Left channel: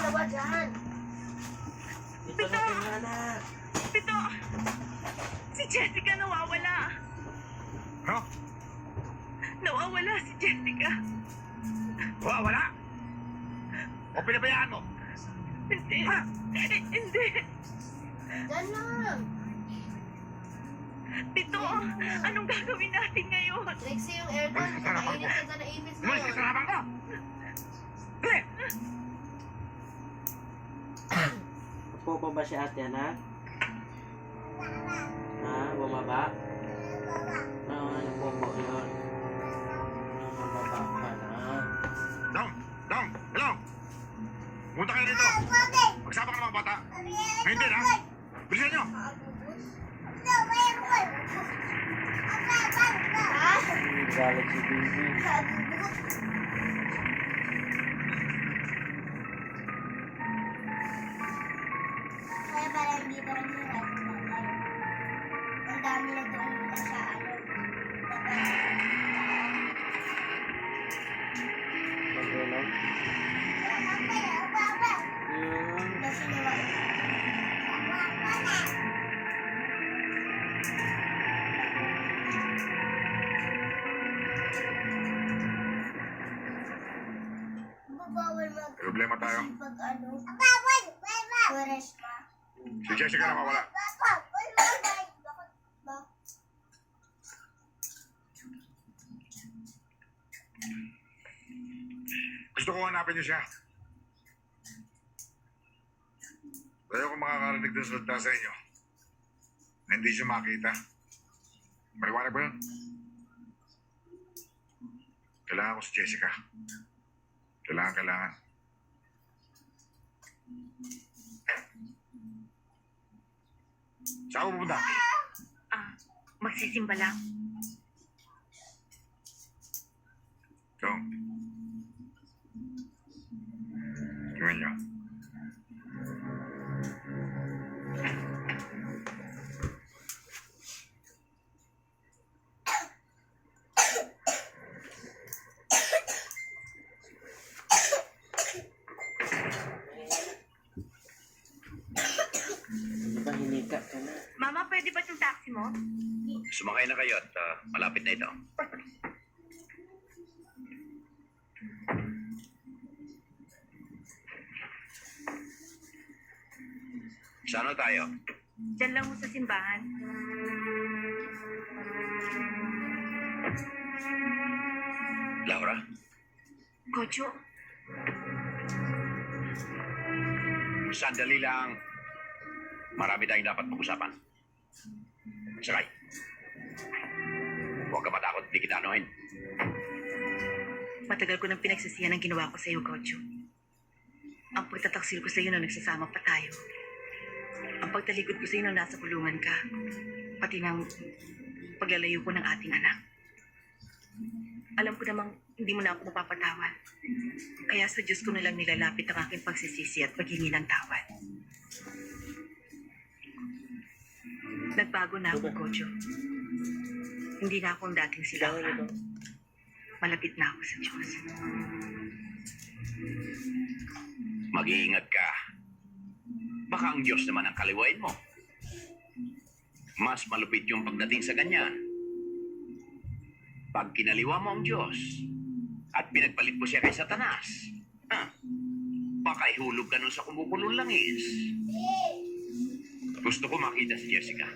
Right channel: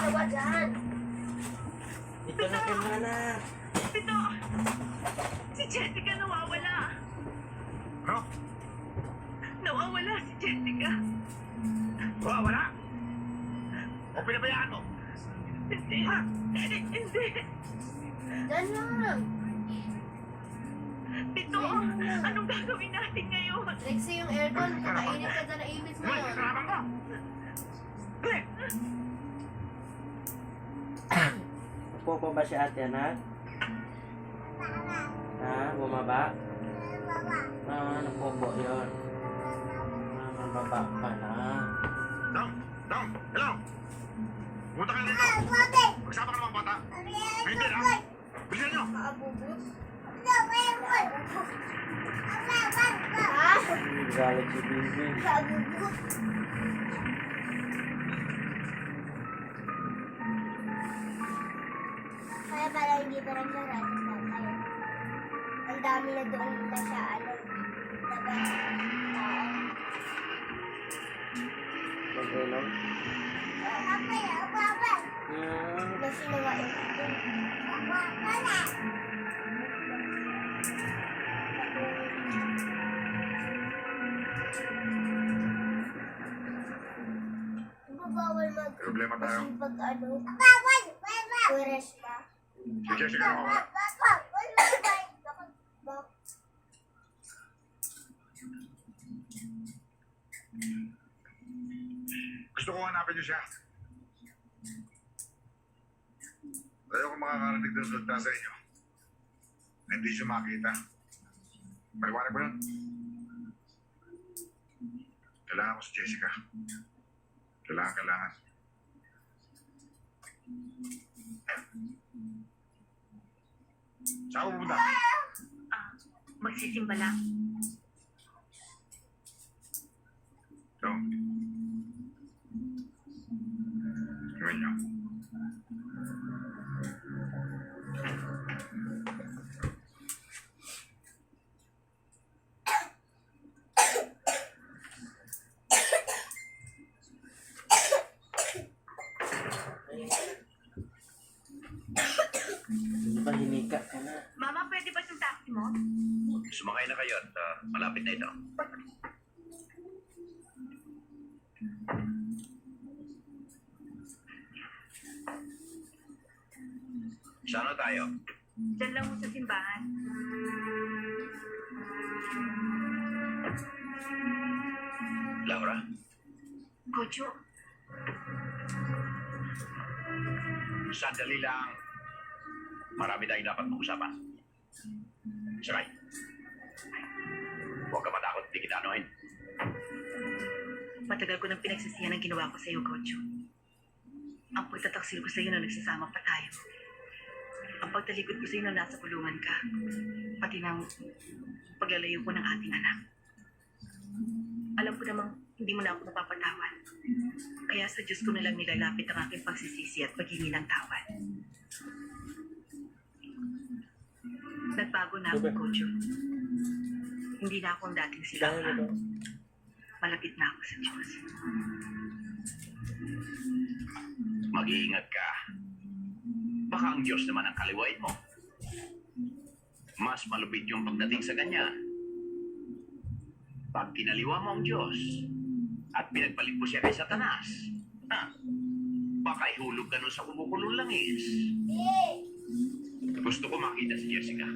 Ano ba dyan? Ito na kamana. Ito! Si Jessica nawawala. Ano? Nawawala si Jessica. Wala? O pinabayaan mo? Hindi. Ha? Hindi. Dyan lang. Ito, anong gagawin natin ngayon? Lexi, yung aircon. Kakainit ka dyan na ibis Umalis ka ngayon. sa harapang ko! Dali! Upo pa ba si ate, anak? Ha? Bumaba? Napupo yun. Mababa ka na. Dong! Dong! Hello! Punta kayo dito! Magsama ka ng mga bata! Hindi na! Bilisan nyo! Ha? Galit si Bibi. Kaya pala hindi pa rin sa restaurant tayo. Ang dami na doon na sa ano. Mag-inom. Nasi nawa bawal mag Problema tayo. pag ano. Bawal! Turesma. Si Jessica nawawala. Gusto ko hanapin niyo siya. Ayaw ko makakarinig ng salita sa inyo na hindi siya makita. Maliwanag ba yun? Kailangan ko si Jessica. Kailangan. Saan ko pupunta? Magsisimba lang. So, gawin niyo. Di ba hinika ka na? Mama, pwede ba yung taxi mo? Sumakay na kayo at malapit na ito. Saan na tayo? Diyan lang mo sa simbahan. Laura? Kocho, Sandali lang. Marami tayong dapat mag-usapan. Sakay. Huwag ka matakot, hindi kita anuhin. matagal ko nang pinagsisihan ang ginawa ko sa iyo, Kocho. Ang pagtataksil ko sa iyo nung nagsasama pa tayo. Ang pagtalikod ko sa iyo nung nasa kulungan ka. Pati ng paglalayo ko ng ating anak. Alam ko namang hindi mo na ako mapapatawad. Kaya sa Diyos ko nalang nilalapit ang aking pagsisisi at paghingi ng tawad. Nagbago na ako, Kocho. Hindi na ako ang dating si Laura. Malapit na ako sa Diyos. Mag-iingat ka. Baka ang Diyos naman ang kaliwain mo. Mas malupit yung pagdating sa ganyan. Pag kinaliwa mo ang Diyos at pinagpalit mo siya kay Satanas, baka ihulog ka nun sa kumukulong langis. Gusto ko makita si Jessica.